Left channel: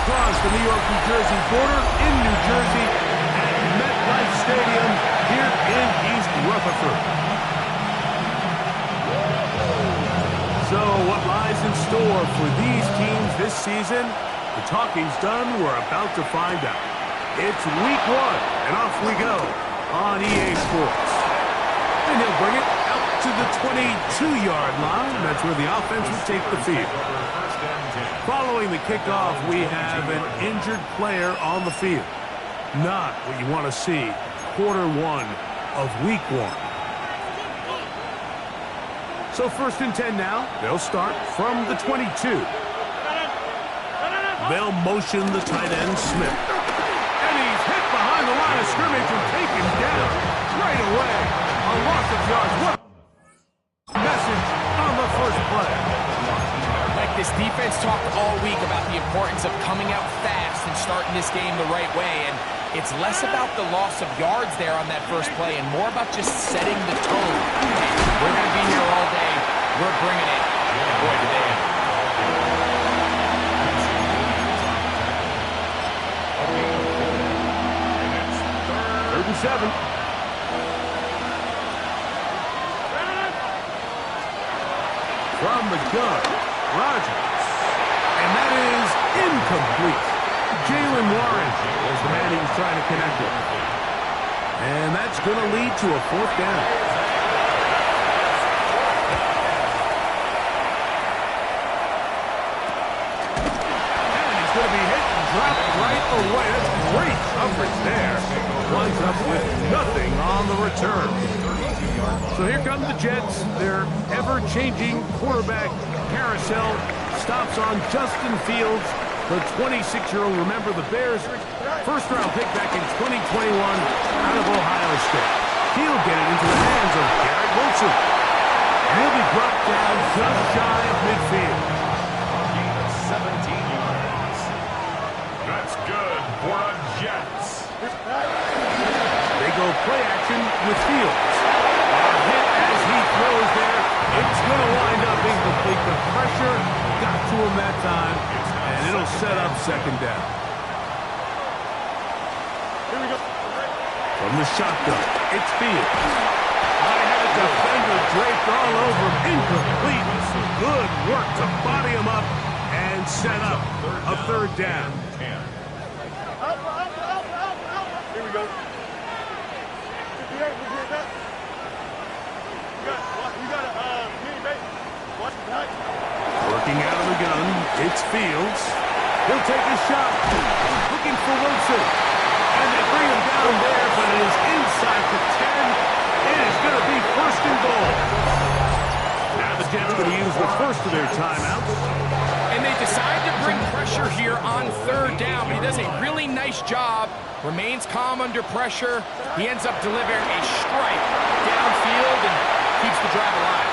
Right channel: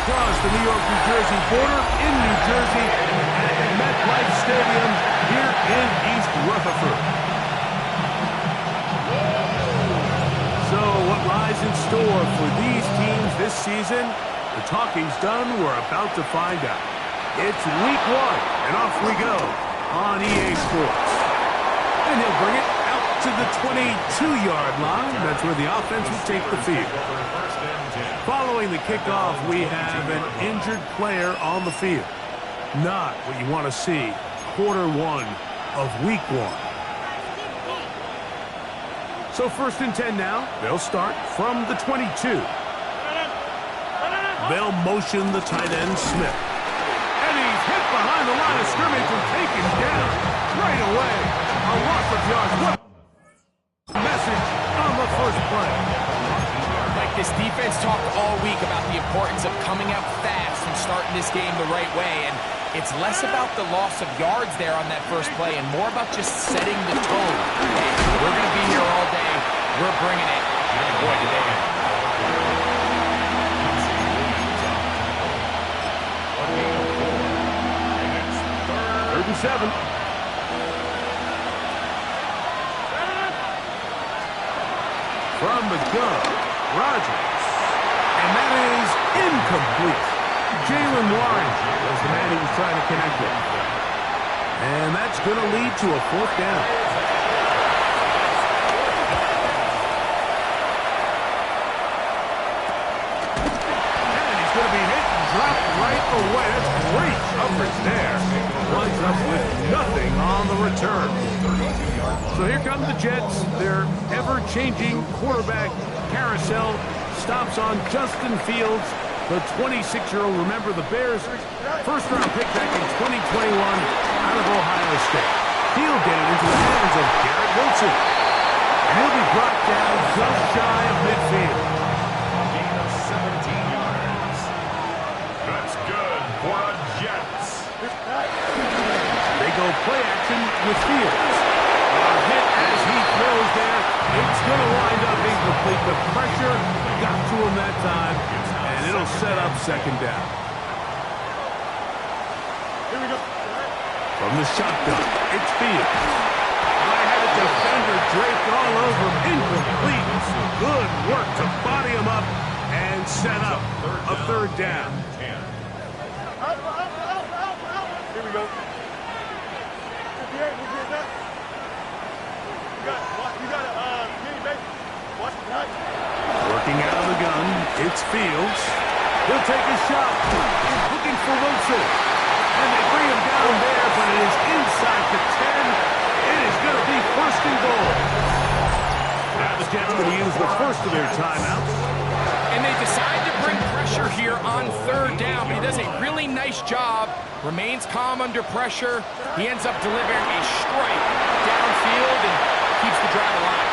across the New York-New Jersey border in New Jersey at MetLife Stadium here in East Rutherford. So what lies in store for these teams this season? The talking's done. We're about to find out. It's week 1, and off we go on EA Sports. And he'll bring it out to the 22-yard line. That's where the offense will take the field. Following the kickoff, we have an injured player on the field. Not what you want to see quarter 1 of week 1. So 1st and 10 now. They'll start from the 22. They'll motion the tight end, Smith. And he's hit behind the line of scrimmage and taken down right away. A loss of yards. What message on the first play. Like, this defense talked all week about the importance of coming out fast and starting this game the right way. And it's less about the loss of yards there on that first play and more about just setting the tone. Hey, we're going to be here all day. We're bringing it. And boy, did they end. 3rd and 7. From the gun, Rodgers. And that is incomplete. Jaylen Warren was the man he was trying to connect with. And that's going to lead to a 4th down. And he's going to be hit and dropped right away. That's great coverage there. Winds up with nothing on the return. So here come the Jets. Their ever-changing quarterback carousel stops on Justin Fields, the 26-year-old. Remember, the Bears' first-round pick back in 2021 out of Ohio State. He'll get it into the hands of Garrett Wilson. And he'll be brought down just shy of midfield. A gain of 17 yards. That's good for a Jets. They go play action with Fields. A hit as he throws there. It's going to wind up incomplete. The pressure got to him that time, and it'll set up 2nd down. Here we go. From the shotgun, it's Fields. I had a defender draped all over him. Incomplete. Good work to body him up and set up a 3rd down. Here we go. You got a mini bait. Watch the night. Working out of the gun, it's Fields. He'll take a shot. Looking for Wilson. And they bring him down there, but it is inside the 10. It is going to be 1st and goal. Now the Jets going to use the first of their timeouts. And they decide to bring pressure here on 3rd down, but he does a really nice job. Remains calm under pressure. He ends up delivering a strike downfield and keeps the drive alive.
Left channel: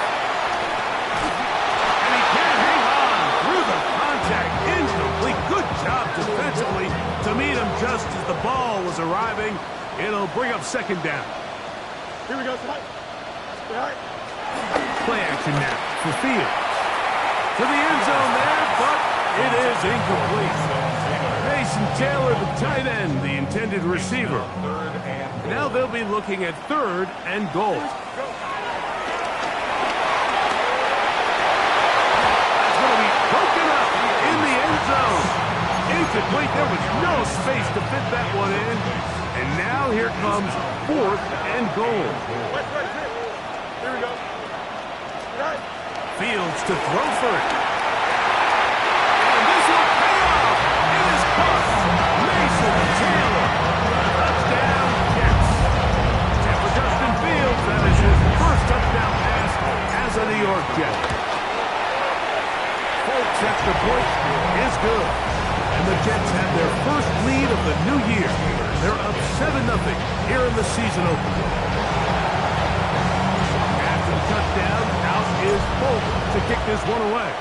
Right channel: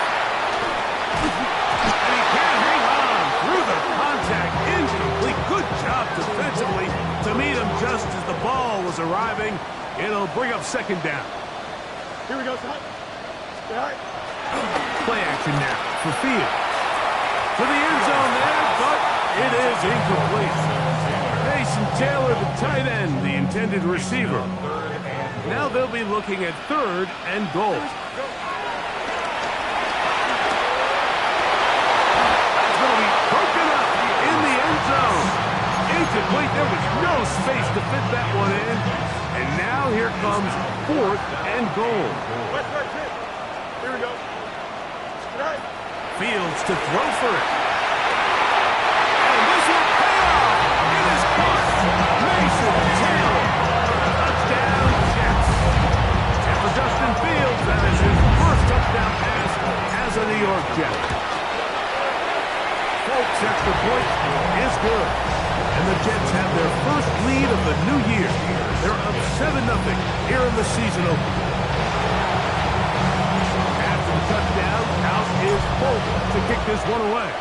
And he can't hang on through the contact. Incomplete. Good job defensively to meet him just as the ball was arriving. It'll bring up 2nd down. Here we go, son. All right. Play action now for Fields. To the end zone there, but it is incomplete. Mason Taylor, the tight end, the intended receiver. Now they'll be looking at 3rd and goal. That's going to be broken up in the end zone. Incomplete. There was no space to fit that one in. And now here comes 4th and goal. Here we go. Right. Fields to throw for it. And this will pay off. It is caught. Mason Taylor. Touchdown, Jets. And for Justin Fields, that is his first touchdown pass as a New York Jet. Folks, extra point is good. And the Jets have their first lead of the new year. They're up 7-0 here in the season opener. Touchdown. Out is Bolt to kick this one away.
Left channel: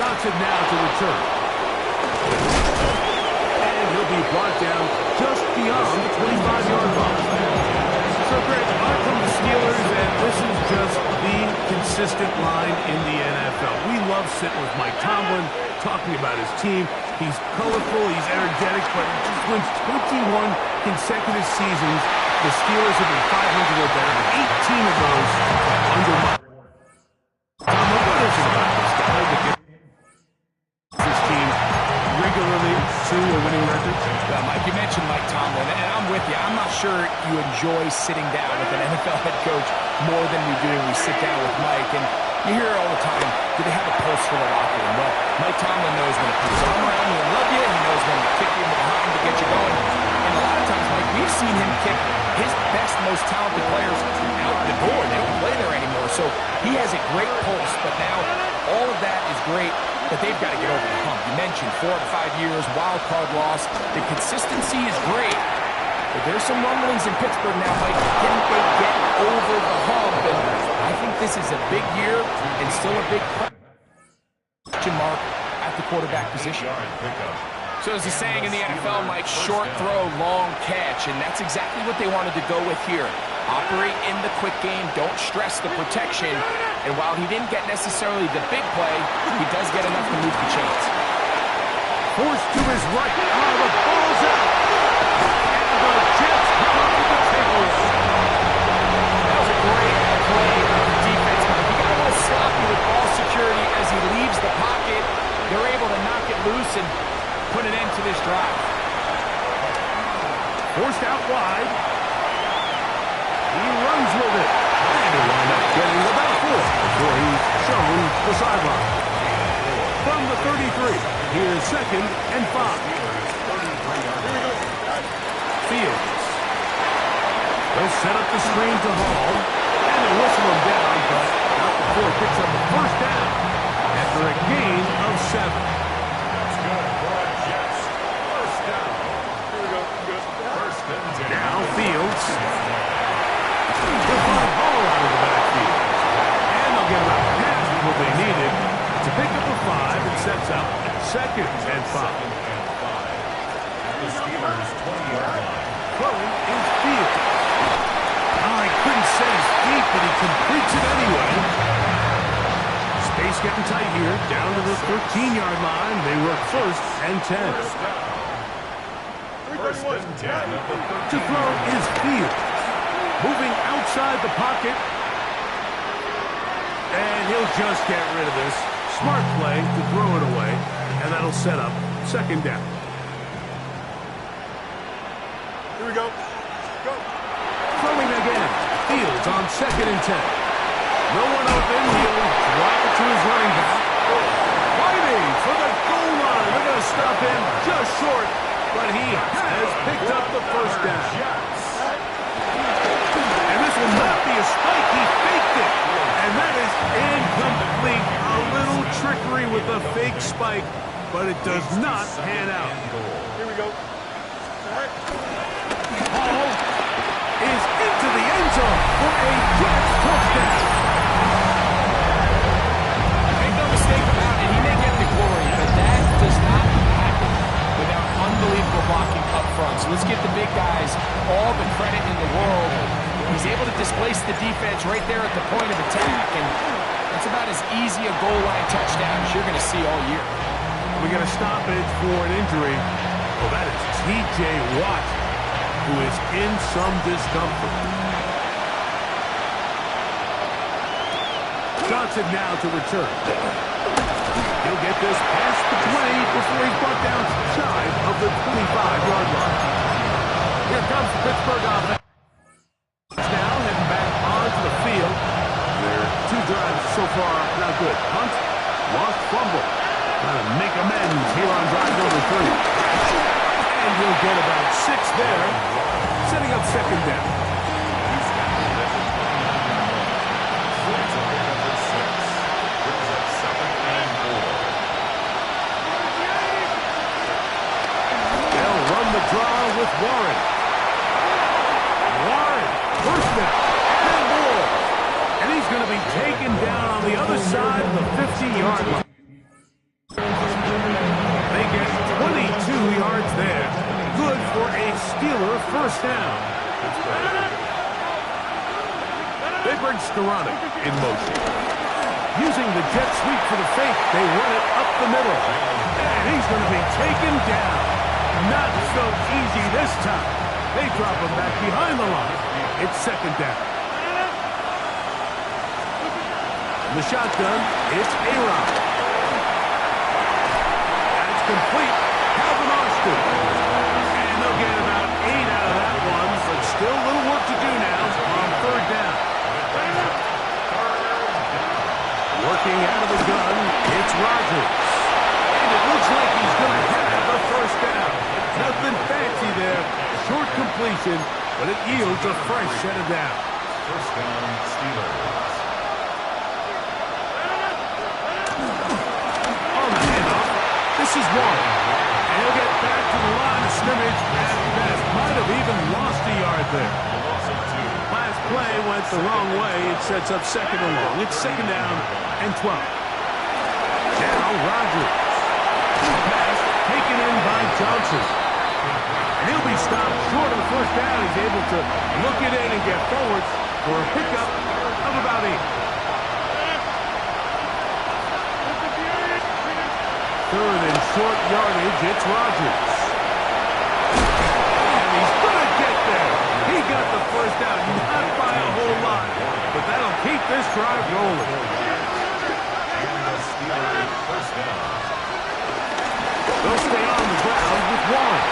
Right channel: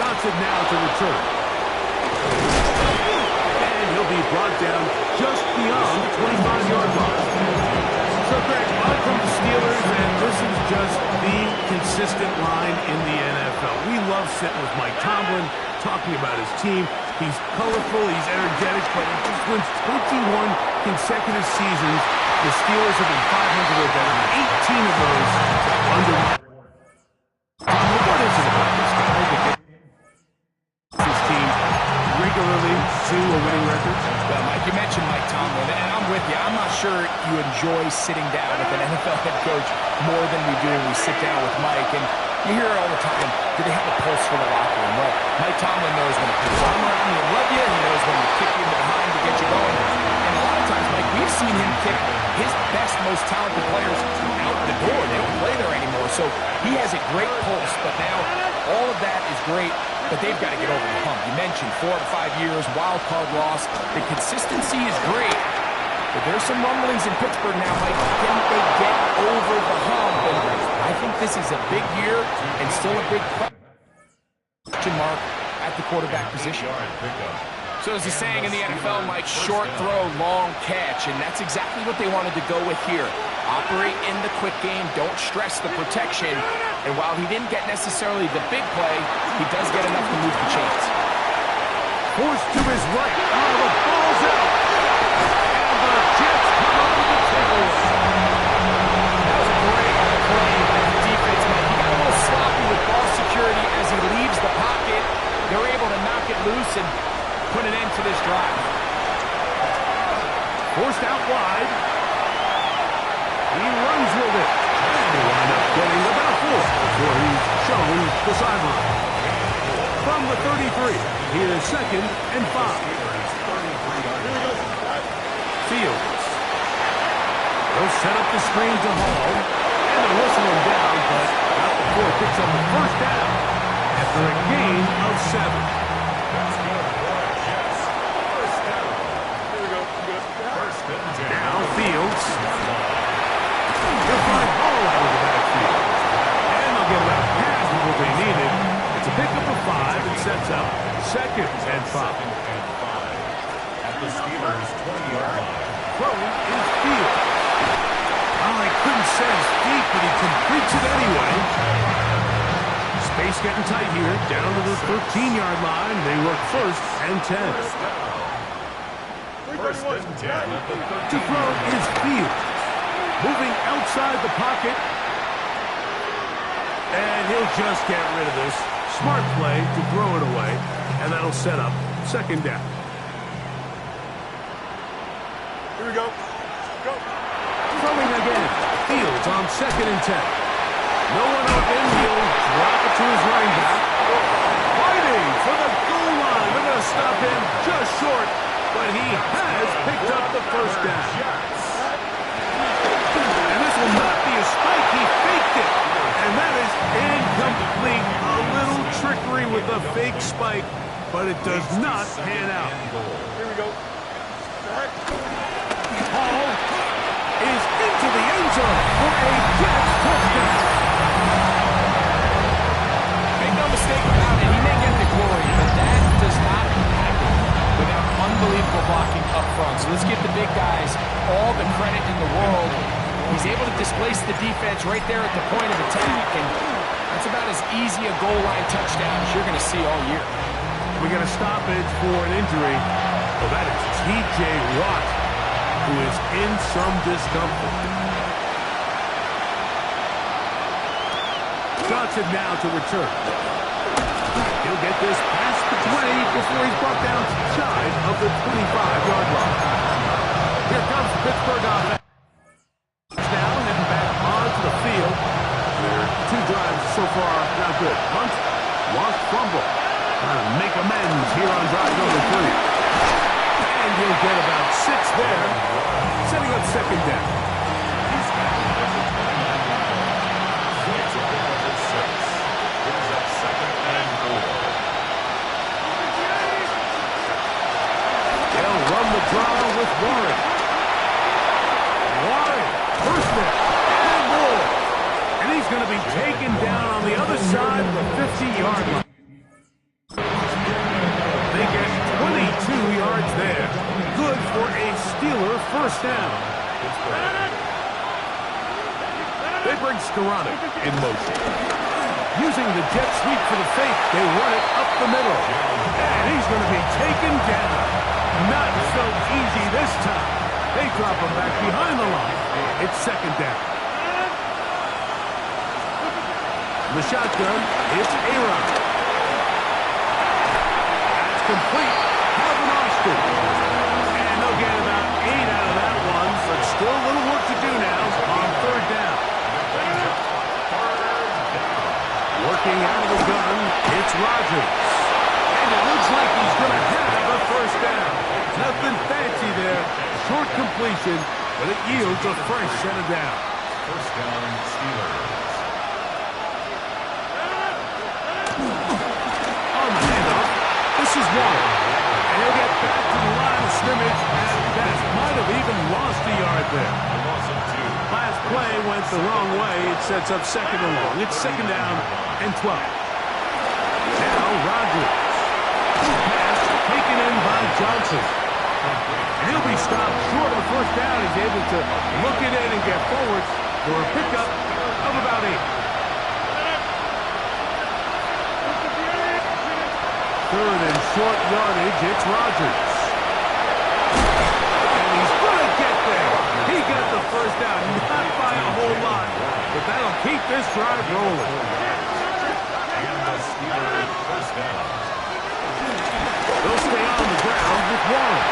Johnson now to return. And he'll be brought down just beyond the 25-yard line. So, Greg, on come the Steelers, and This is just the consistent line in the NFL. We love sitting with Mike Tomlin, talking about his team. He's colorful, he's energetic, but he just wins 21 consecutive seasons. The Steelers have been 500 or better, 18 of those under Mike Tomlin. What is it about this guy that gets his team regularly to a winning record? Well, Mike, you mentioned Mike Tomlin, and I'm with you. I'm not sure you enjoy sitting down with an NFL head coach more than we do when we sit down with Mike. And you hear it all the time. Do they have a pulse for the locker room? Well, Mike Tomlin knows when to put his arm around you and love you. He knows when to kick you in the behind to get you going. And a lot of times, Mike, we've seen him kick his best, most talented players out the door. They don't play there anymore. So he has a great pulse. But now all of that is great, but they've got to get over the hump. You mentioned 4 to 5 years, wild card loss. The consistency is great. But there's some rumblings in Pittsburgh now, Mike. Can they get over the hump? And I think this is a big year and still a big question mark at the quarterback position. So there's a saying in the NFL, Mike, short throw, long catch. And that's exactly what they wanted to go with here. Operate in the quick game. Don't stress the protection. And while he didn't get necessarily the big play, he does get enough to move the chains. Forced to his right. Oh, the ball's out. And the Jets come up with the takeaway. That was a great play by the defense, Mike. He got a little sloppy with ball security as he leaves the pocket. They're able to knock it loose and put an end to this drive. Forced out wide. He runs with it. And he'll wind up getting about 4 before he's shown the sideline. From the 33, here's 2nd and 5. Fields. They'll set up the screen to Hall. And they'll whistle him down, but not before he picks up the first down after a gain of 7. That's good for a Jets. First down. Here we go. Good. First and 10. Now Fields. He'll find Hall out of the backfield. And they'll get about half of what they needed. It's a pickup of 5 and sets up 2nd and 5. At the Steelers' 20-yard line. Throwing is Fields. Oh, he couldn't set his feet, but he completes it anyway. Space getting tight here. Down to the 13-yard line. They work 1st and 10. First and 10 at the 13. To throw is Fields. Moving outside the pocket. And he'll just get rid of this. Smart play to throw it away. And that'll set up 2nd down. Here we go. Go. Throwing again. Fields on 2nd and 10. No one open. He'll drop it to his running back. Fighting for the goal line. They're going to stop him just short. But he has picked up the first down. And this will not be a spike. He faked it. And that is incomplete. A little trickery with the fake spike. But it does not pan out. Here we go. Hall is into the end zone for a Jets touchdown. Make no mistake about it, he may get the glory, but that does not happen without unbelievable blocking up front. So let's give the big guys all the credit in the world. He's able to displace the defense right there at the point of attack, and that's about as easy a goal line touchdown as you're going to see all year. We got a stoppage for an injury. Well, that is T.J. Watt, who is in some discomfort. Johnson now to return. He'll get this past the 20 before he's brought down shy of the 25-yard line. Here comes the Pittsburgh offense. Now heading back onto the field. Their 2 drives so far not good. Punt, lost fumble. Trying to make amends here on drive number 3. And he'll get about 6 there, setting up 2nd down. He's tackled at the 29-yard line. It's a pickup of 6. Brings up 2nd and 4. They'll run the draw with Warren. Warren, first down, and more. And he's going to be taken down on the other side of the 50-yard line. They get 22 yards there. Good for a Steeler first down. They bring Skoranek in motion. Using the jet sweep for the fake, they run it up the middle. And he's going to be taken down. Not so easy this time. They drop him back behind the line. It's second down. The shotgun, it's Aaron. That's complete. Calvin Austin. And they'll get about 8 out of that one, but still a little work to do now on third down. Working out of the gun, it's Rodgers. And it looks like he's going to have a first down. Nothing fancy there. Short completion, but it yields a fresh set of downs. First down, Steelers. On the handoff, this is Warren. And he'll get back to the line of scrimmage at best. Might have even lost a yard there. A loss of 2. Last play went the wrong way. It sets up second and long. It's second down and 12. Now Rodgers. Pass taken in by Johnson. And he'll be stopped short of the first down. He's able to look it in and get forward for a pickup of about 8. Third and short yardage, it's Rodgers. And he's going to get there. He got the first down, not by a whole lot, but that'll keep this drive rolling. And the Steelers first down. They'll stay on the ground with Warren.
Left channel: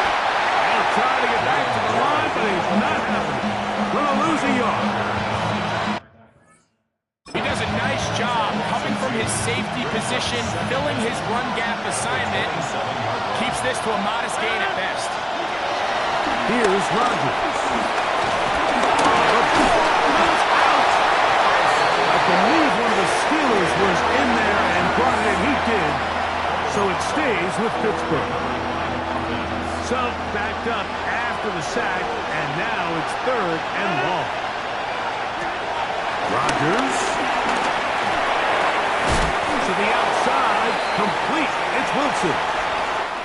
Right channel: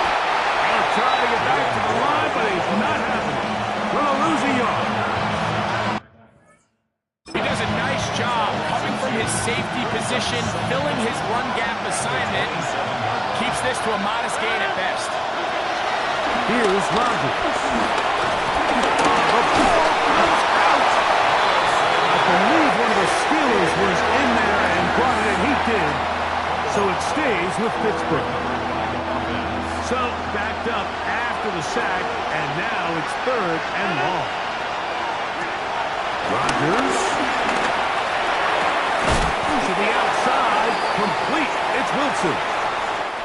They'll try to get back to the line, but it's not happening. Going to lose a yard. He does a nice job coming from his safety position, filling his run gap assignment. Keeps this to a modest gain at best. Here's Rodgers. The ball comes out. I believe one of the Steelers was in there and brought it in. He did. So it stays with Pittsburgh. So backed up after the sack, and now it's third and long. Rodgers. To the outside, complete. It's Wilson.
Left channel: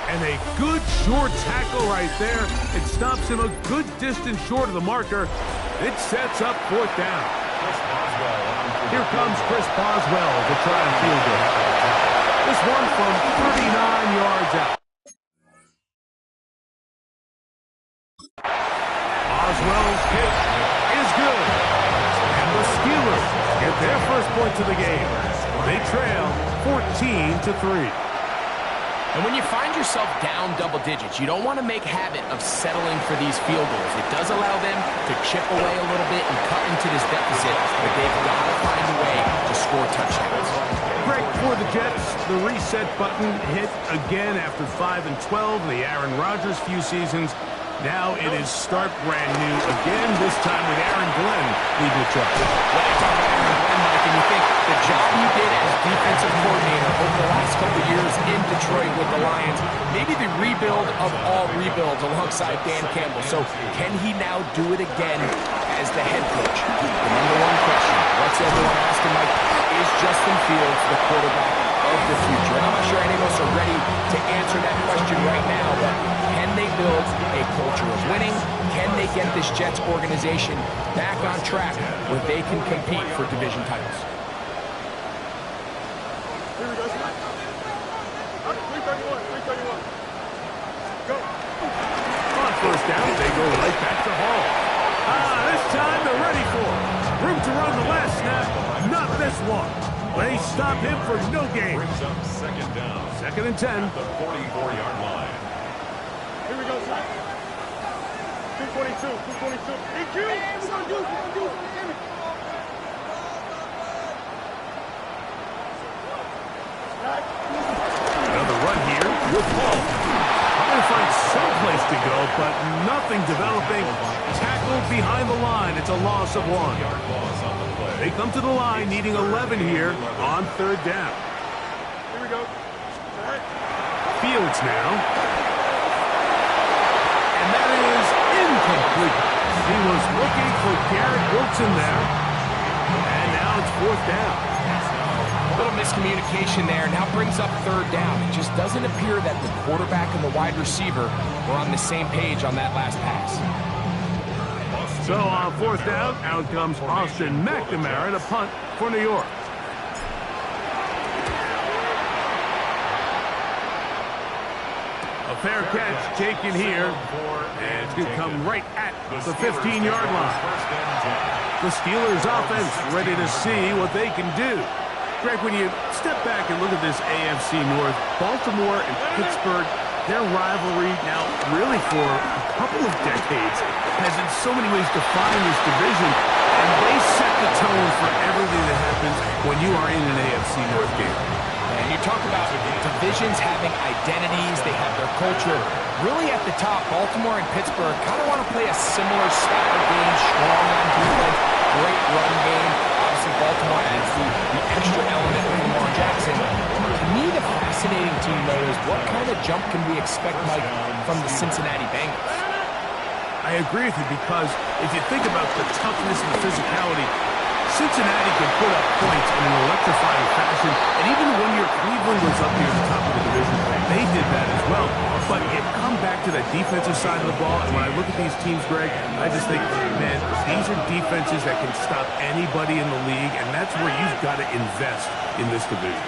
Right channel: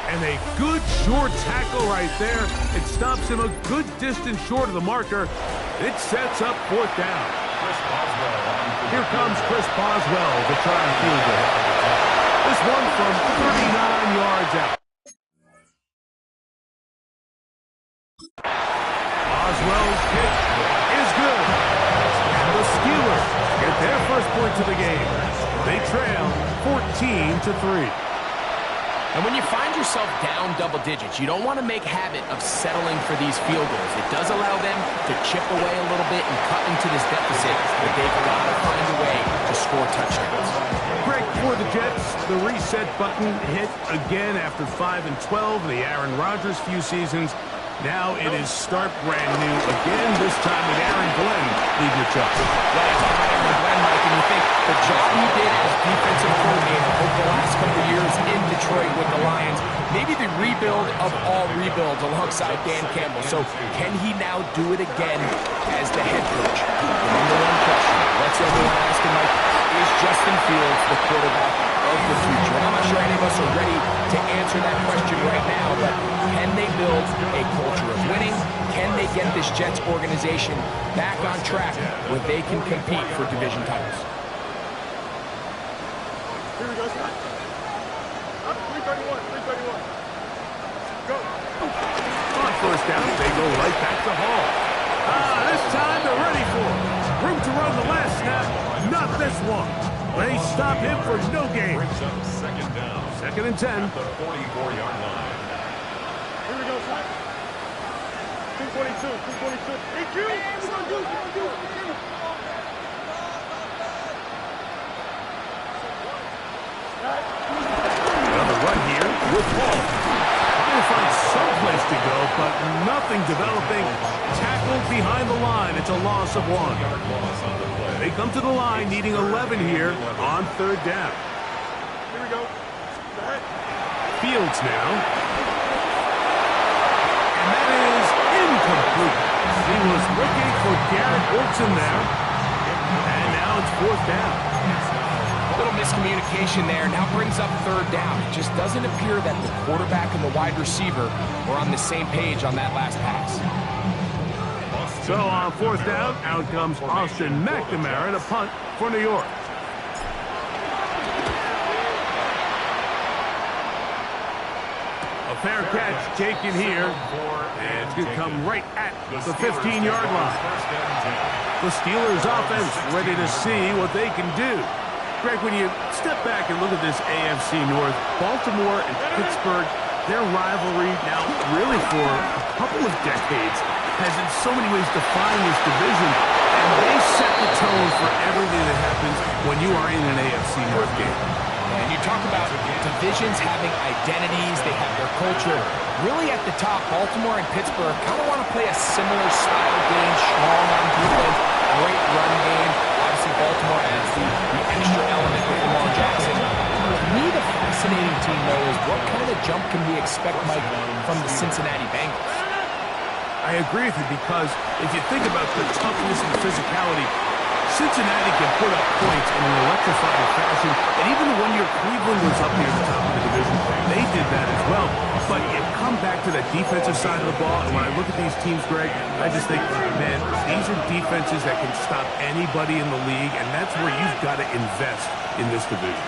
And a good short tackle right there. It stops him a good distance short of the marker. It sets up fourth down. Here comes Chris Boswell to try and field goal. This one from 39 yards out. Boswell's kick is good. And the Steelers get their first points of the game. They trail 14-3. And when you find yourself down double digits, you don't want to make habit of settling for these field goals. It does allow them to chip away a little bit and cut into this deficit, but they've got to find a way to score touchdowns. Greg, for the Jets, the reset button hit again after 5 and 12, the Aaron Rodgers few seasons. Now it is start brand new again, this time with Aaron Glenn leading the charge. When I talk about Aaron Glenn, Mike, and you think the job he did as defensive coordinator over the last couple of years in Detroit with the Lions, maybe the rebuild of all rebuilds alongside Dan Campbell. So can he now do it again as the head coach? The number one question, what's everyone asking, Mike, is Justin Fields the quarterback of the future? And I'm not sure any of us are ready to answer that question right now, but can they build a culture of winning? Can they get this Jets organization back on track where they can compete for division titles? Here we go. 331. Go. On first down, they go right back to Hall. This time they're ready for it. Room to run the last snap, not this one. They stop him for no gain. Brings up second down. Second and 10. At the 44-yard line. Here we go, son. 222. Thank you. What we gonna do? Another run here with Hall. Trying to find some place to go, but nothing developing. Tackled behind the line. It's a loss of 1. Yard loss on the play. They come to the line needing 11 here on third down. Here we go. Set. Fields now. And that is incomplete. He was looking for Garrett Wilson there. And now it's fourth down. A little miscommunication there. Now brings up third down. It just doesn't appear that the quarterback and the wide receiver were on the same page on that last pass. So on fourth down, out comes Austin McNamara to punt for New York. A fair catch taken here, and it's going to come right at the 15-yard line. The Steelers offense ready to see what they can do. Greg, when you step back and look at this AFC North, Baltimore and Pittsburgh, their rivalry now really for a couple of decades has in so many ways defined this division, and they set the tone for everything that happens when you are in an AFC North game. And you talk about divisions having identities, they have their culture. Really at the top, Baltimore and Pittsburgh kind of want to play a similar style game, strong on defense, great run game. Obviously, Baltimore adds the extra element with Lamar Jackson. To me, the fascinating team, though, is what kind of jump can we expect, Mike, from the Cincinnati Bengals? I agree with you because if you think about the toughness and the physicality, Cincinnati can put up points in an electrifying fashion, and even the 1 year Cleveland was up near the top of the division, they did that as well. But you come back to that defensive side of the ball, and when I look at these teams, Greg, I just think, man, these are defenses that can stop anybody in the league, and that's where you've got to invest in this division.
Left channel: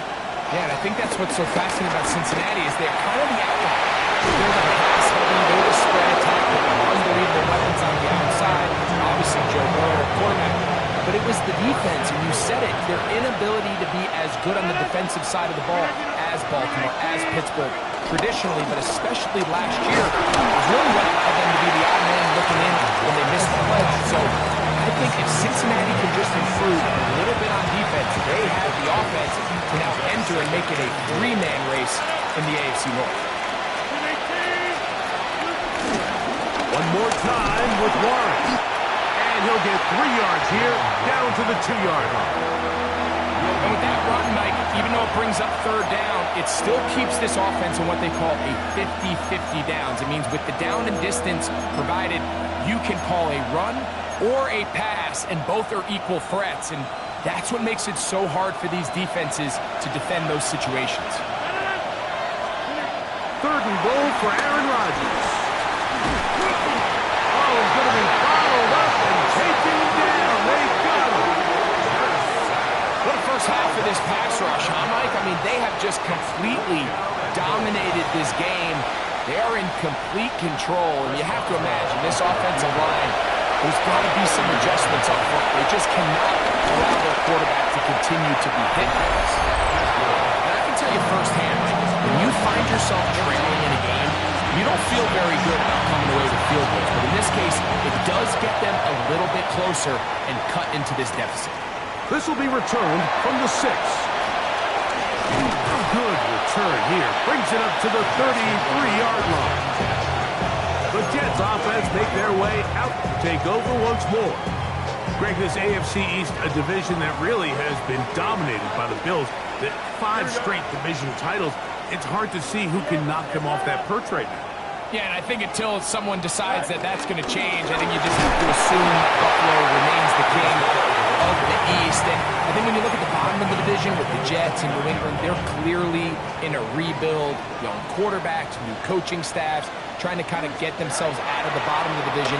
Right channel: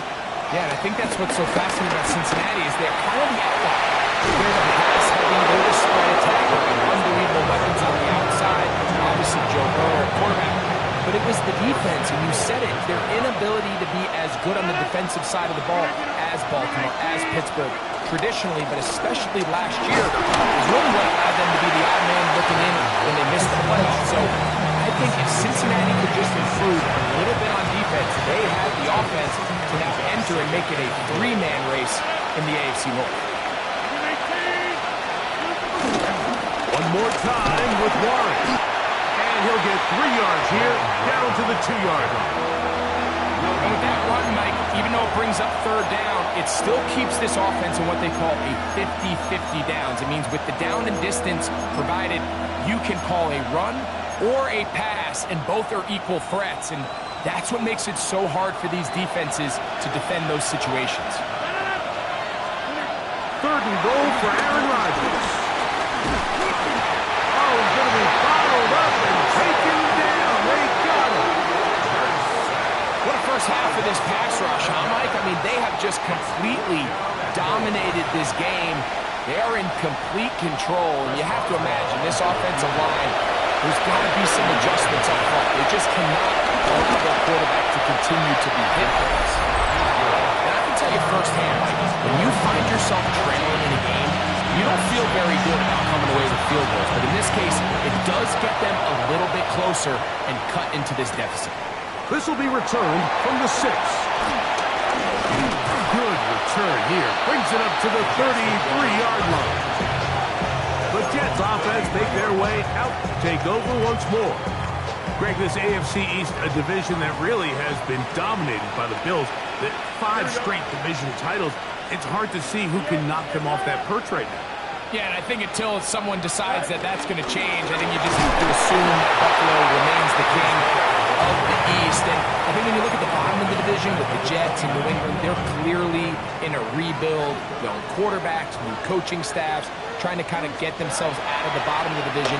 Yeah, and I think that's what's so fascinating about Cincinnati is they're kind of the outlier. They're the pass heavy, they're the spread attack with unbelievable weapons on the outside. Obviously, Joe Burrow, quarterback. But it was the defense, and you said it, their inability to be as good on the defensive side of the ball as Baltimore, as Pittsburgh, traditionally, but especially last year, is really what allowed them to be the odd man looking in when they missed the playoffs. So I think if Cincinnati could just improve a little bit on defense, they have the offense to now enter and make it a three-man race in the AFC North. One more time with Warren. And he'll get 3 yards here, down to the 2-yard line. And with that run, Mike, even though it brings up third down, it still keeps this offense in what they call a 50-50 downs. It means with the down and distance provided, you can call a run or a pass, and both are equal threats. And that's what makes it so hard for these defenses to defend those situations. Third and goal for Aaron Rodgers. Oh, he's going to be bottled up and taken down. They got him. What a first half of this pass rush, huh, Mike? I mean, they have just completely dominated this game. They are in complete control, and you have to imagine this offensive line, there's got to be some adjustments up front. They just cannot allow their quarterback to continue to be hit by this. And I can tell you firsthand, Mike, when you find yourself trailing in a game, you don't feel very good about coming away with field goals, but in this case, it does get them a little bit closer and cut into this deficit. This will be returned from the 6. Good return here. Brings it up to the 33-yard line. The Jets offense make their way out to take over once more. Greg, this AFC East, a division that really has been dominated by the Bills. The 5 straight division titles. It's hard to see who can knock them off that perch right now. Yeah, and I think until someone decides that that's going to change, I think you just have to assume that Buffalo remains the king of the East. And I think when you look at the bottom of the division with the Jets and New England, they're clearly in a rebuild, young quarterbacks, new coaching staffs, trying to kind of get themselves out of the bottom of the division.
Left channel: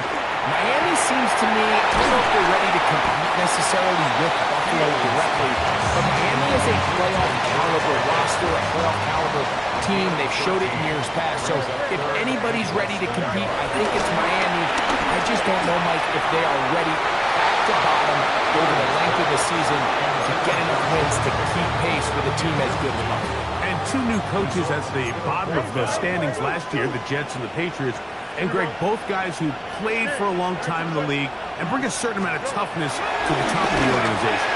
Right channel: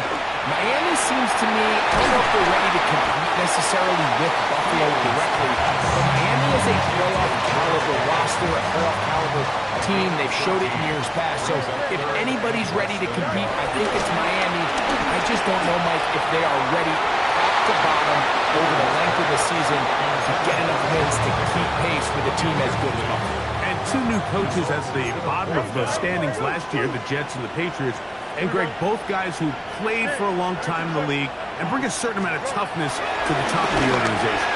Miami seems to me, I don't know if they're ready to compete necessarily with Buffalo directly, but Miami is a playoff caliber roster, a playoff caliber team. They've showed it in years past. So if anybody's ready to compete, I think it's Miami. I just don't know, Mike, if they are ready top to bottom over the length of the season to get enough wins to keep pace with a team as good as Buffalo. And 2 new coaches at the bottom of the standings last year, the Jets and the Patriots. And, Greg, both guys who played for a long time in the league and bring a certain amount of toughness to the top of the organization.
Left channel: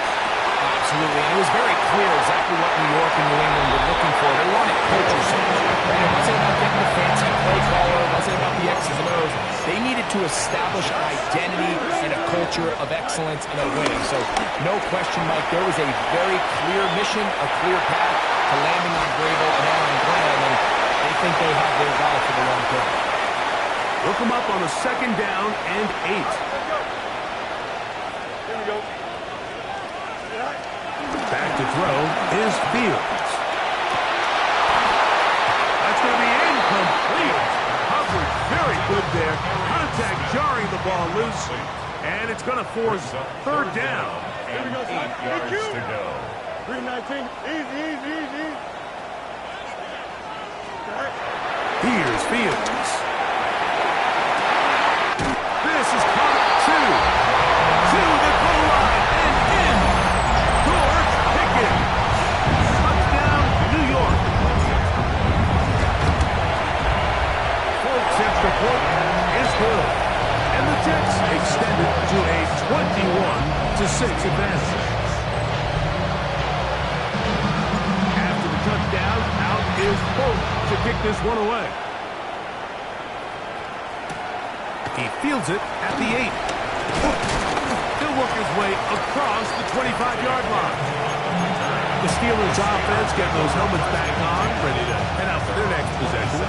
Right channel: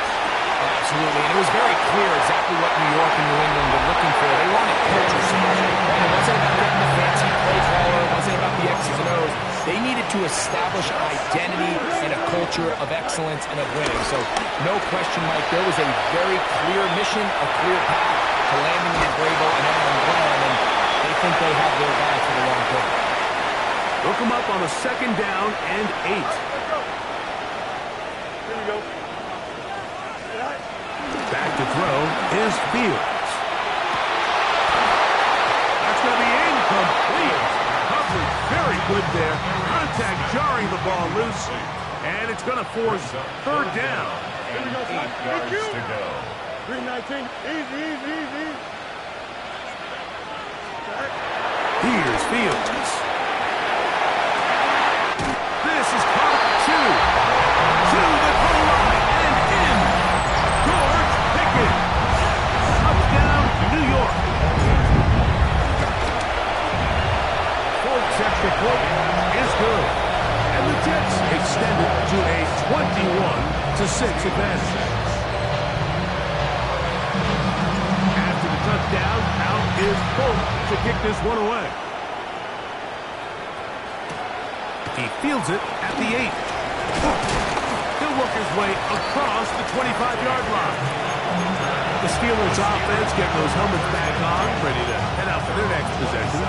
Oh, absolutely, and it was very clear exactly what New York and New England were looking for. They wanted culture change, and it wasn't about getting the fancy play caller. It wasn't about the X's and O's. They needed to establish an identity and a culture of excellence and of winning. So, no question, Mike, there was a very clear mission, a clear path to landing on Vrabel and Aaron Glenn, and they think they have their guy for the long term. Look them up on a 2nd down and 8. Here we go. Back to throw is Fields. That's going to be incomplete. Coverage very good there. Contact jarring the ball loose. And it's going to force third down. And 8 yards to go. 319. Easy. Here's Fields. This is caught two. To the goal line and in. George Pickens. Touchdown, New York. Folks, extra point is good. And the Jets extend it to a 21-6 advantage. After the touchdown, out is Polk to kick this one away. He fields it at the 8. He'll work his way across the 25-yard line. The Steelers offense getting those helmets back on, ready to head out for their next possession.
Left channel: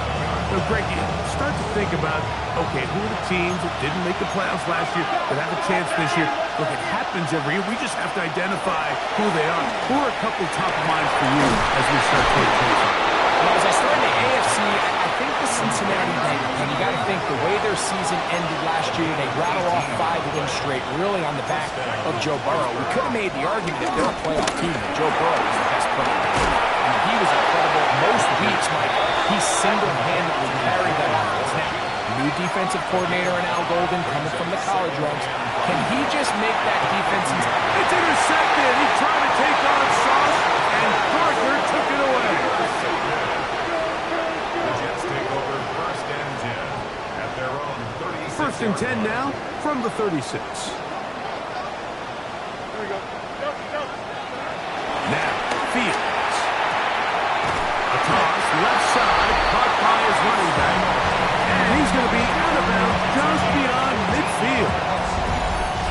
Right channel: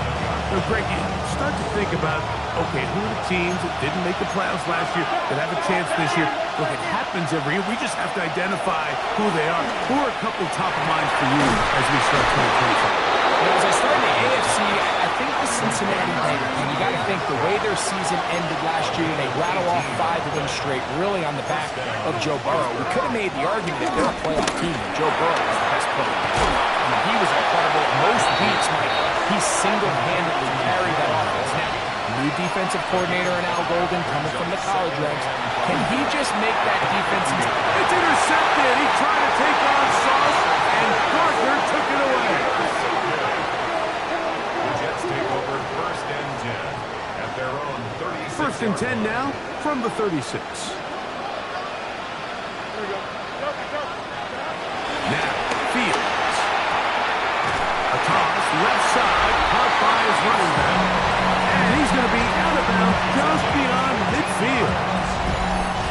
So, Greg, you start to think about, okay, who are the teams that didn't make the playoffs last year that have a chance this year? Look, it happens every year. We just have to identify who they are. Who are a couple top of mind for you as we start 2025? Well, as I start in the AFC, I think the Cincinnati Bengals. And you got to think the way their season ended last year, they rattle off 5 wins straight, really on the back of Joe Burrow. We could have made the argument if they're a playoff team that Joe Burrow was the best player. I mean, he was incredible. Most weeks, Mike, he single-handedly carried that offense. Now, new defensive coordinator in Al Golden coming from the college ranks. Can he just make that defense? It's intercepted. He tried to take on Sauce, and Gardner took it away. The Jets take over 1st and 10 at their own 36. 1st and 10 now from the 36. There we go. Jump. Now, Fields. A toss, left side, caught by his running back. And he's going to be out of bounds just beyond midfield.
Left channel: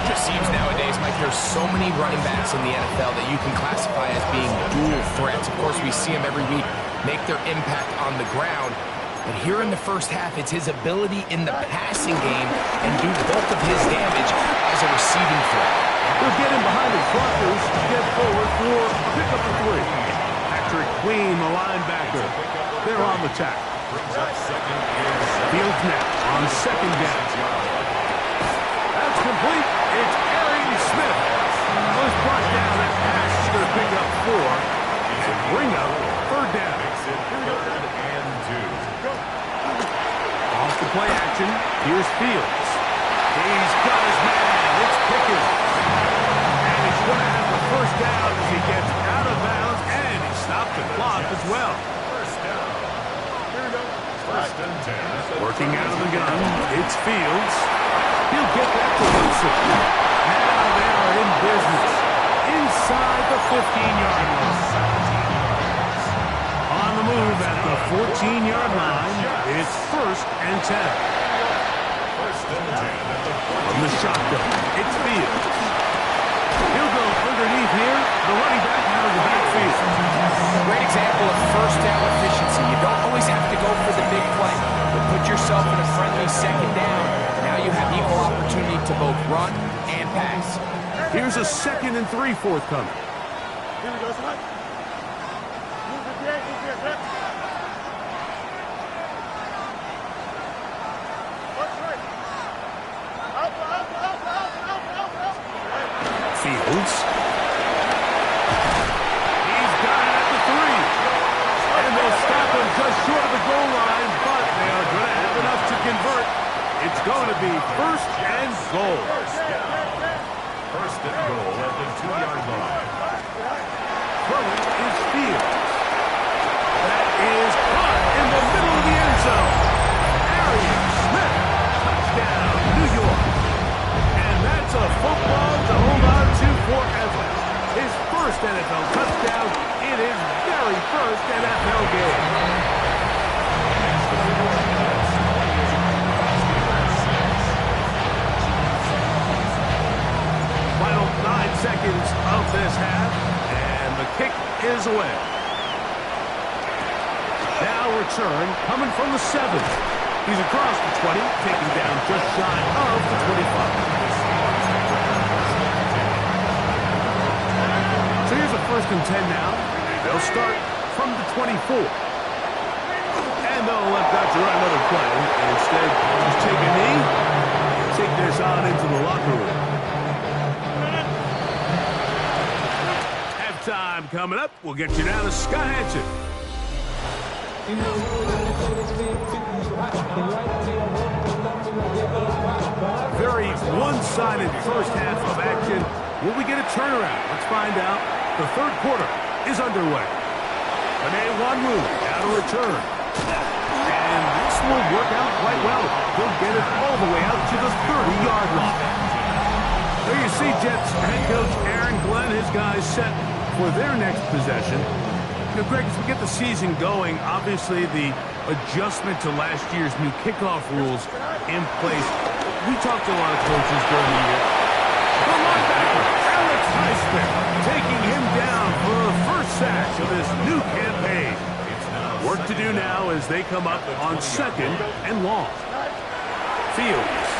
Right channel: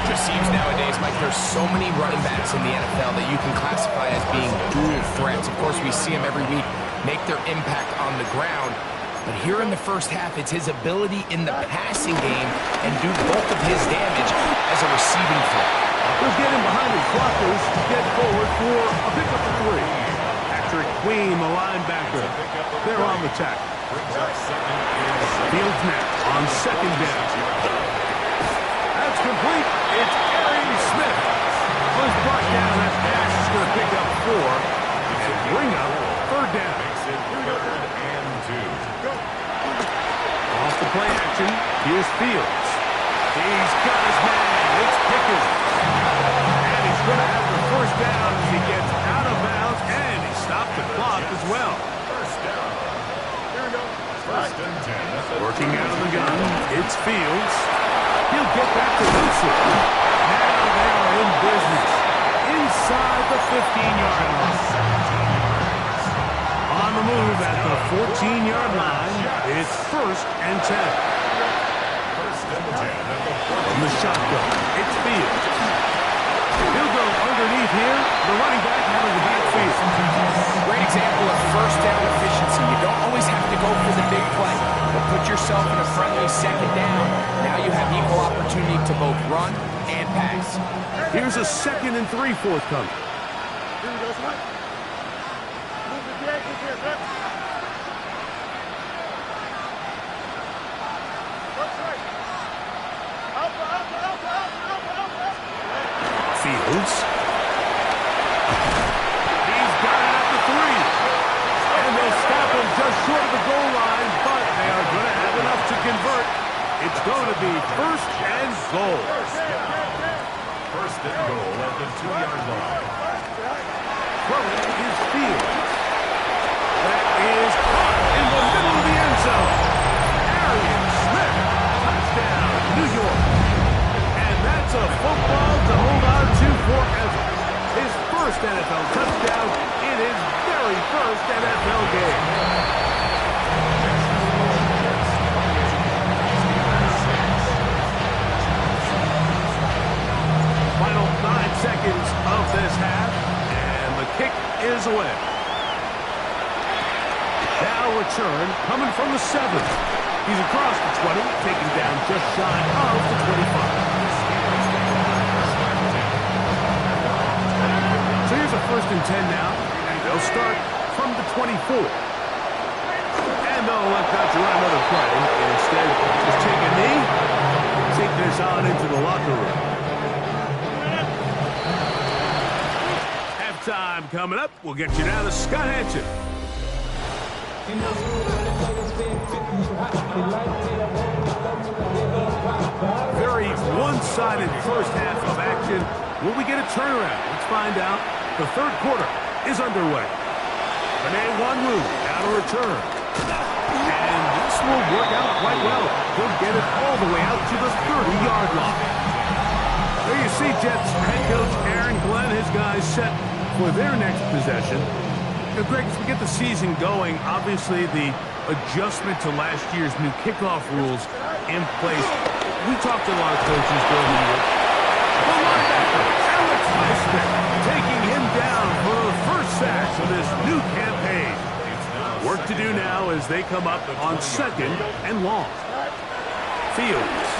Just seems nowadays, Mike, there's so many running backs in the NFL that you can classify as being dual threats. Of course, we see them every week make their impact on the ground. But here in the first half, it's his ability in the passing game and do the bulk of his damage as a receiving threat. They'll get him behind his blockers, get forward for a pickup of 3. Patrick Queen, the linebacker, they're on the tackle. Brings up 2nd and 7. Fields now on 2nd down. That's complete. It's Arian Smith. Was brought down. That pass is going to pick up 4 and bring up 3rd down. Makes it 3rd and 2. Off the play action. Here's Fields. He's got his man. It's Pickens. And he's going to have the 1st down as he gets out of bounds. And he stopped the clock as well. 1st down. Here we go. 1st and 10. Working out of the gun. It's Fields. He'll get that to Wilson. Now they are in business. Inside the 15-yard line. 17 yards. On the move at the 14-yard line. It's 1st and 10. 1st and 10 at the 14. From the shotgun, it's Fields. He'll go underneath here. The running back out of the backfield. Great example of 1st down efficiency. You don't always have to go for the big play, but put yourself in a friendly 2nd down. Now you have equal opportunity to both run and pass. Here's a 2nd and 3 forthcoming. Here we go, son. Move the gate, son. What's right? Alpha. Fields. He's got it at the 3. And they'll stop him just short of the goal line, but they are going to have enough to convert. It's going to be 1st and goal. 1st and goal at the 2-yard line. Throwing is Fields. That is caught in the middle of the end zone. Arian Smith, touchdown, New York. And that's a football to hold on to forever. His 1st NFL touchdown in his very 1st NFL game. Final 9 seconds of this half, and the kick is away. Now return coming from the 7. He's across the 20, taken down just shy of the 25. So here's a 1st and 10 now. They'll start from the 24. And they'll elect not to run another play. Instead, just take a knee, take this on into the locker room. Halftime coming up. We'll get you down to Scott Hanson. Very one-sided first half of action. Will we get a turnaround? Let's find out. The third quarter is underway. Benet Wanwu out of return. And this will work out quite well. He'll get it all the way out to the 30-yard line. There you see Jets head coach Aaron Glenn, his guys set for their next possession. You know, Greg, as we get the season going, obviously the adjustment to last year's new kickoff rules in place. We talked to a lot of coaches during the year. The linebacker, Alex Highsmith, taking him down for the first sack of this new campaign. Work to do now as they come up on 2nd and long. Fields.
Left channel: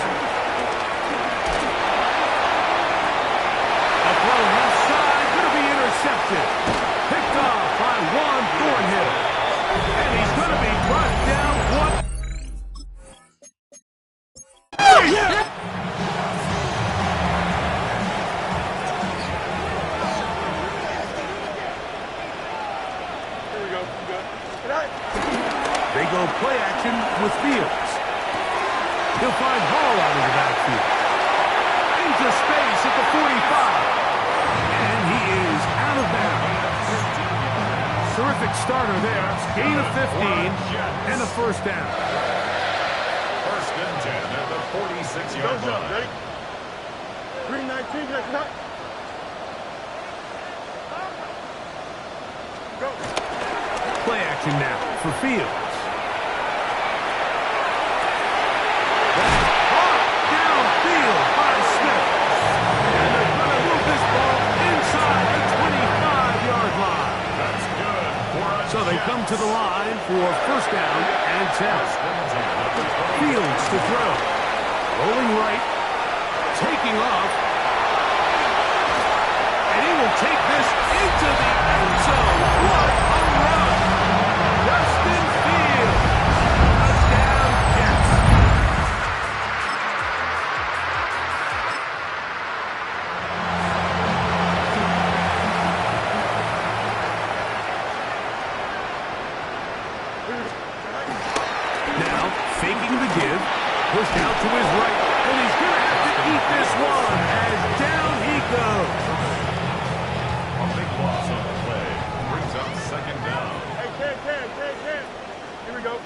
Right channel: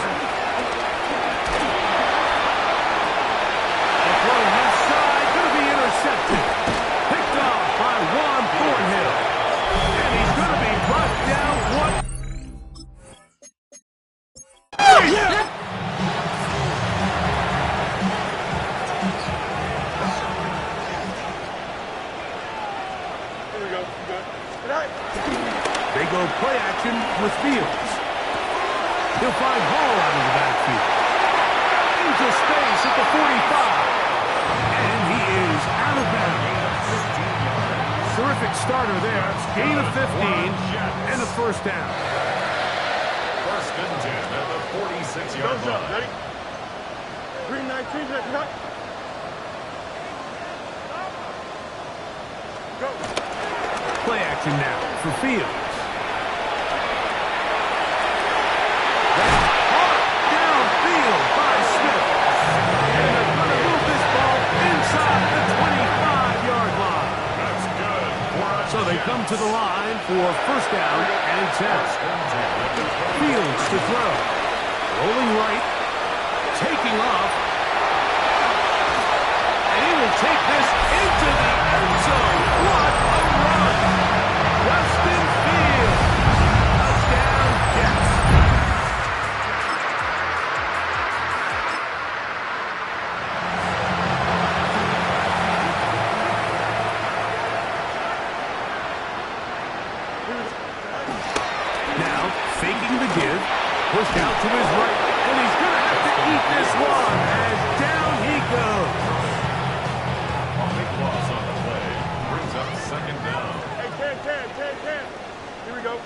A throw left side, going to be intercepted. Picked off by Juan Thornhill. And he's going to be brought down. What? Yeah! Here we go. They go play action with Fields. He'll find Hall out of the backfield. Into space at the 45. And he is out of bounds. Terrific starter there. Gain of 15 and a first down. 1st and 10 at the 46-yard line. Ready? 319, go. Play action now for Fields. That's caught downfield by Smith. And they're going to move this ball inside the 25-yard line. That's good for a So they come to the line for first down and 10. Fields to throw. Rolling right. Taking off. And he will take this into the end zone. What a run! Justin Fields. Touchdown, Jets. Now, faking the give, pushed out to his right, and he's going to have to eat this one as down he goes. A big loss on the play. Brings up 2nd down. Hey, 10. Here we go.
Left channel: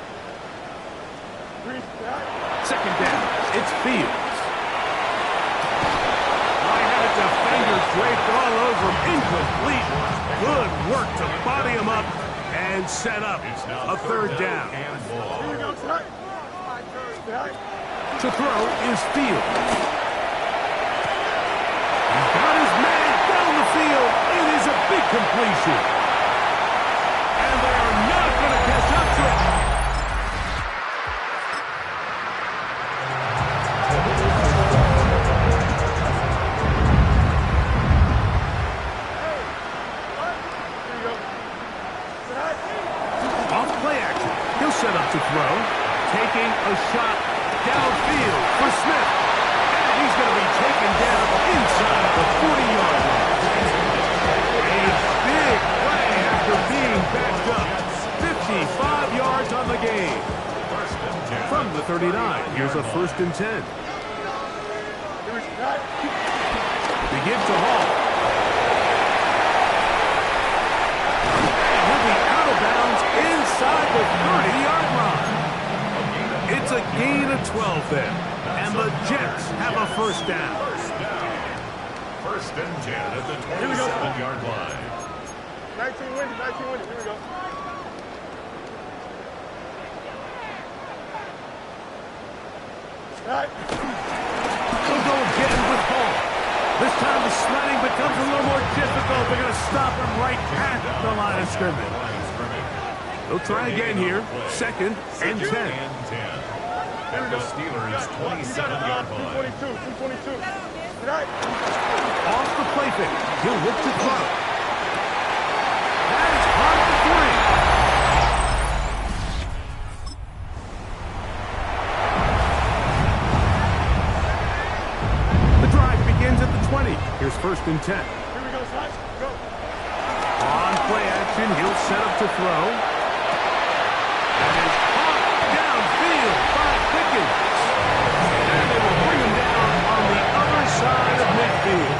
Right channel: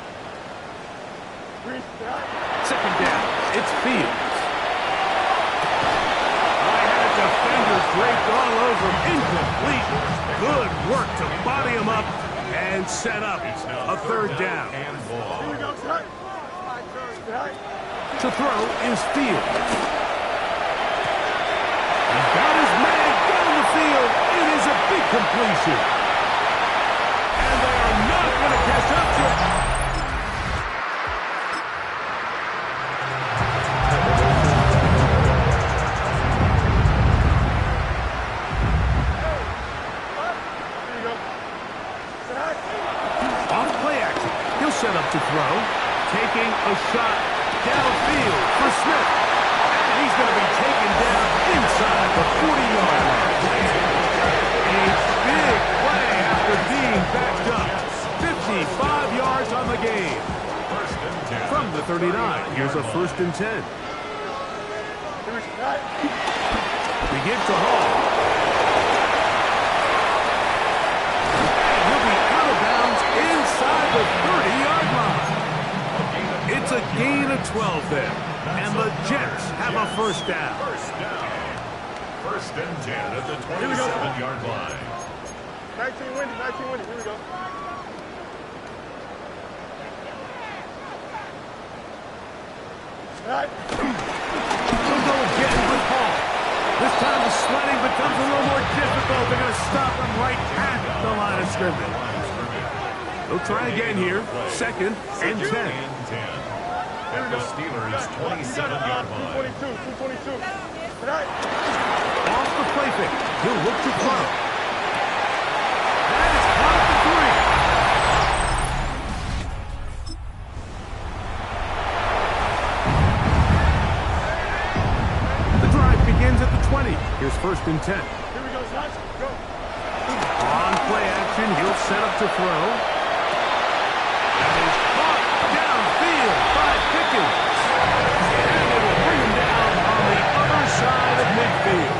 2nd down, it's Fields. I had a defender draped all over him, incomplete. Good work to body him up and set up a 3rd down. And ball. Here we go, son. To throw is Fields. He's got his man down the field. It is a big completion. And they are not going to catch up to it. Here we go. Off play action. He'll set up to throw. Taking a shot downfield for Smith. And he's going to be taken down inside the 40-yard line. A big play after being backed up. 55 yards on the game. 1st and 10. From the 39, here's a 1st and 10. They give to Hall. And he'll be out of bounds inside the 30-yard line. It's a gain of 12 there. And the Jets have a first down. 1st and 10 at the 27-yard line. 19 winning. Here we go. They'll go again with Hall. This time the sledding becomes a little more difficult. They're going to stop him right at the line of scrimmage. They'll try again here. 2nd and 10. At the Steelers' 27-yard line. 222. Off the play fake. He'll look to throw. That is caught at the 3. Here's 1st and 10. Here we go, Sly. Go. On play action, he'll set up to throw. That is caught downfield by Pickens. And they will bring him down on the other side of midfield.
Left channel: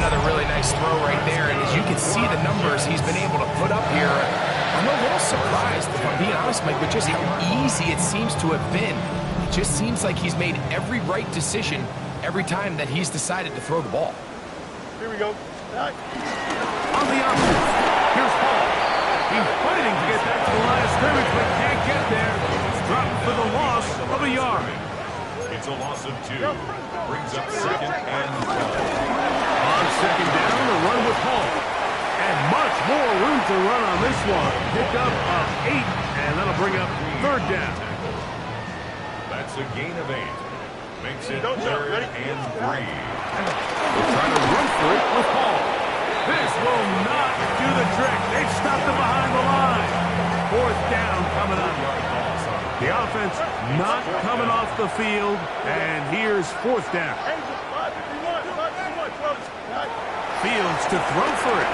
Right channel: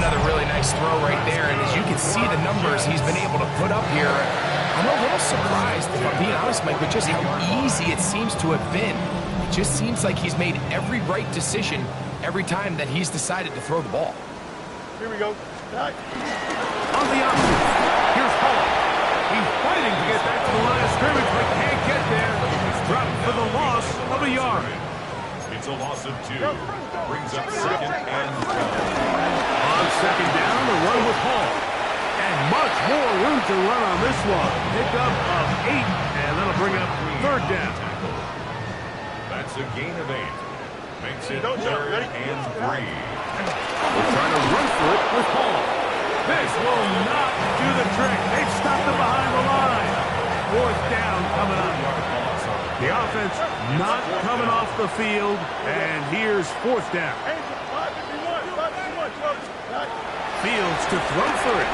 Another really nice throw right there, and as you can see the numbers he's been able to put up here, I'm a little surprised, if I'm being honest, Mike, with just how easy it seems to have been. It just seems like he's made every right decision every time that he's decided to throw the ball. Here we go. Sly. On the option, here's Hall. He's fighting to get back to the line of scrimmage, but can't get there. Dropped for the loss of a yard. It's a loss of 2. Brings up 2nd and 12. On 2nd down, the run with Hall. And much more room to run on this one. Pickup of 8, and that'll bring up 3rd down. That's a gain of 8. Makes it 3rd and 3. They're trying to run for it with Hall. This will not do the trick. They've stopped him behind the line. 4th down coming up. The offense not coming off the field, and here's 4th down. Angel, 551, 551, 12. Sly. Fields to throw for it.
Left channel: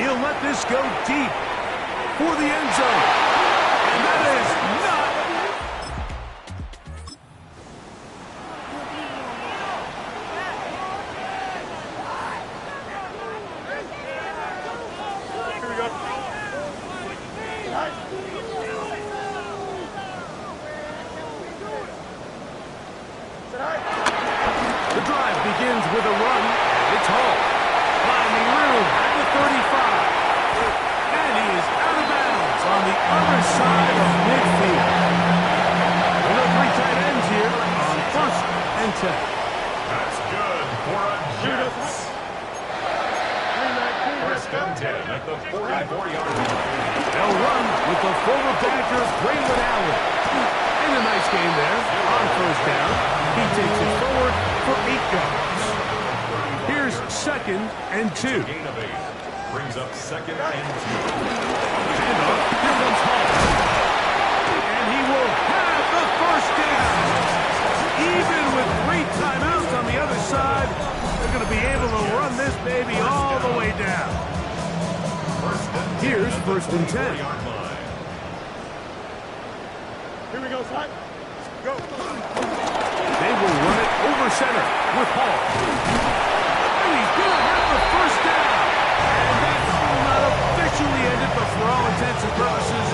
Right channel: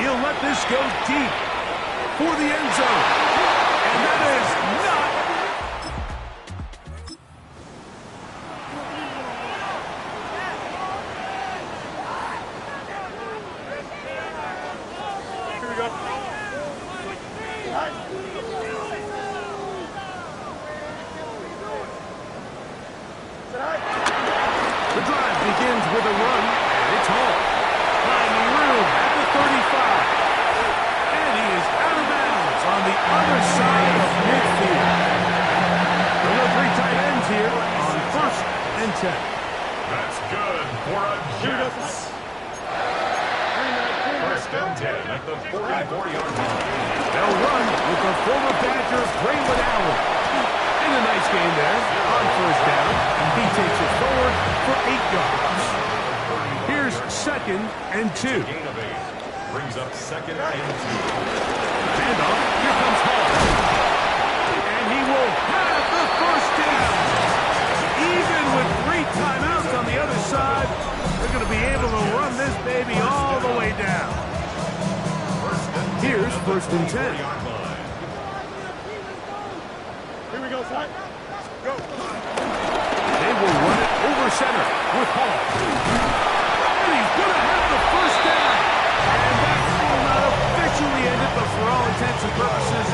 He'll let this go deep for the end zone. And that is not... Here we go. Sly. Sly. The drive begins with a run, and it's Hall. Finding room at the 35. And he is out of bounds on the other side of midfield. We'll go 3 tight ends here on 1st and 10. That's good for a Jets. 1st and 10 at the 44-yard line. They'll run with the former Badger, Braylon Allen. And a nice game there on 1st down. He takes it forward for 8 yards. Here's 2nd and 2. Gain of 8. Brings up 2nd and 2. Handoff. Here comes Hall. And he will have the 1st down. Even with 3 timeouts on the other side, they're going to be able to run this baby all the way down. Here's 1st and 10. Here we go, Sly. Go. They will run it over center with Hall. And he's going to have the 1st down. And that will not officially end it, but for all intents and purposes,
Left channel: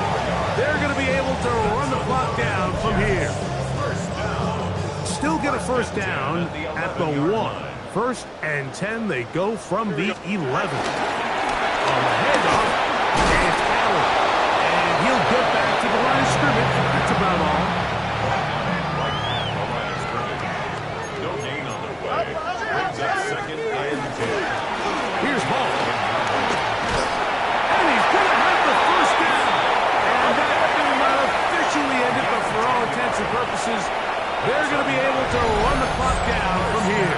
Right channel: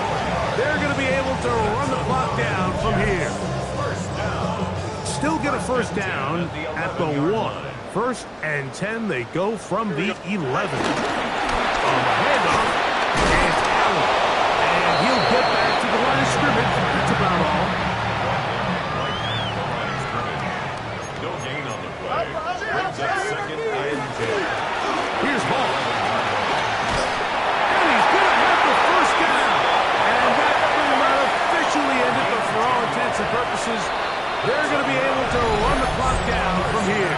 they're going to be able to run the clock down from here. Still get a 1st down at the 1. 1st and 10, they go from the 11. On the handoff, it's Allen. And he'll get back to the line of scrimmage. That's about all. Right at the line of scrimmage. No gain on the play. Brings up 2nd and 10. Here's Hall. And he's going to have the 1st down. And that will not officially end it, but for all intents and purposes, they're going to be able to run the clock down from here.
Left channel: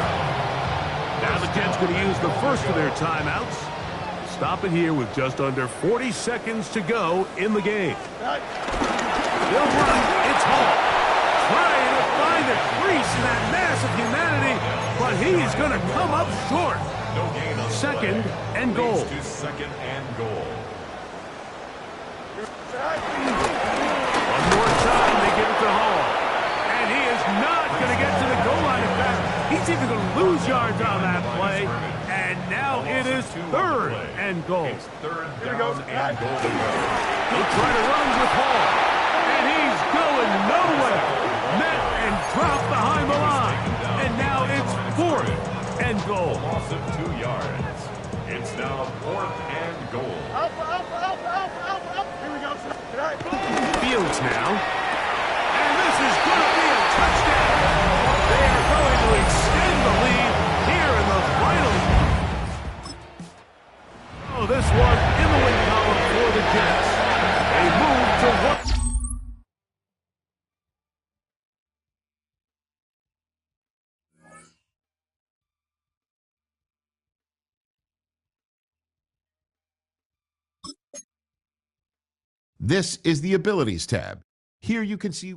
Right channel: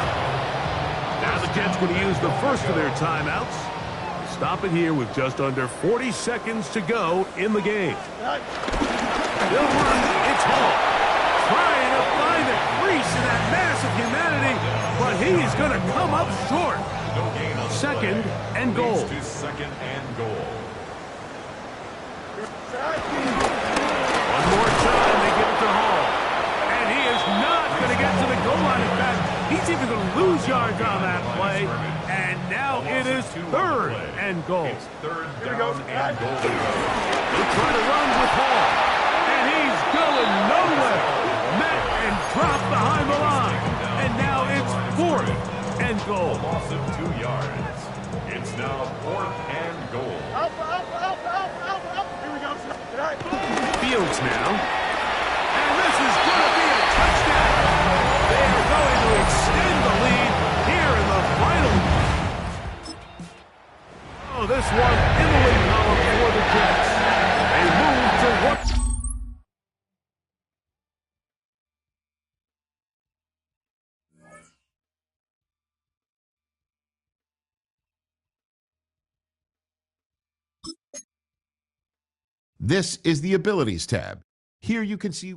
Now the Jets going to use the first of their timeouts. Stop it here with just under 40 seconds to go in the game. They'll run. It's Hall. Trying to find a crease in that mass of humanity, but he's going to come up short. No gain on the 2nd play. and goal. Leads to 2nd and goal. One more time, they give it to Hall. And he is not going to get to the goal line. In fact, he's even going to lose yards on that play. And now it is 3rd and goal. It's 3rd down and goal to go. They'll try to run with Hall. And he's going nowhere. Met and dropped behind the line. And now it's 4th and goal. A loss of 2 yards. It's now 4th and goal. Alpha, alpha, alpha, alpha, alpha, alpha. Here we go. Fields now. And this is going to be a touchdown. They are going to extend the lead here in the final. Oh, this one in the win column for the Jets. They move to what? This is the Abilities tab. Here you can see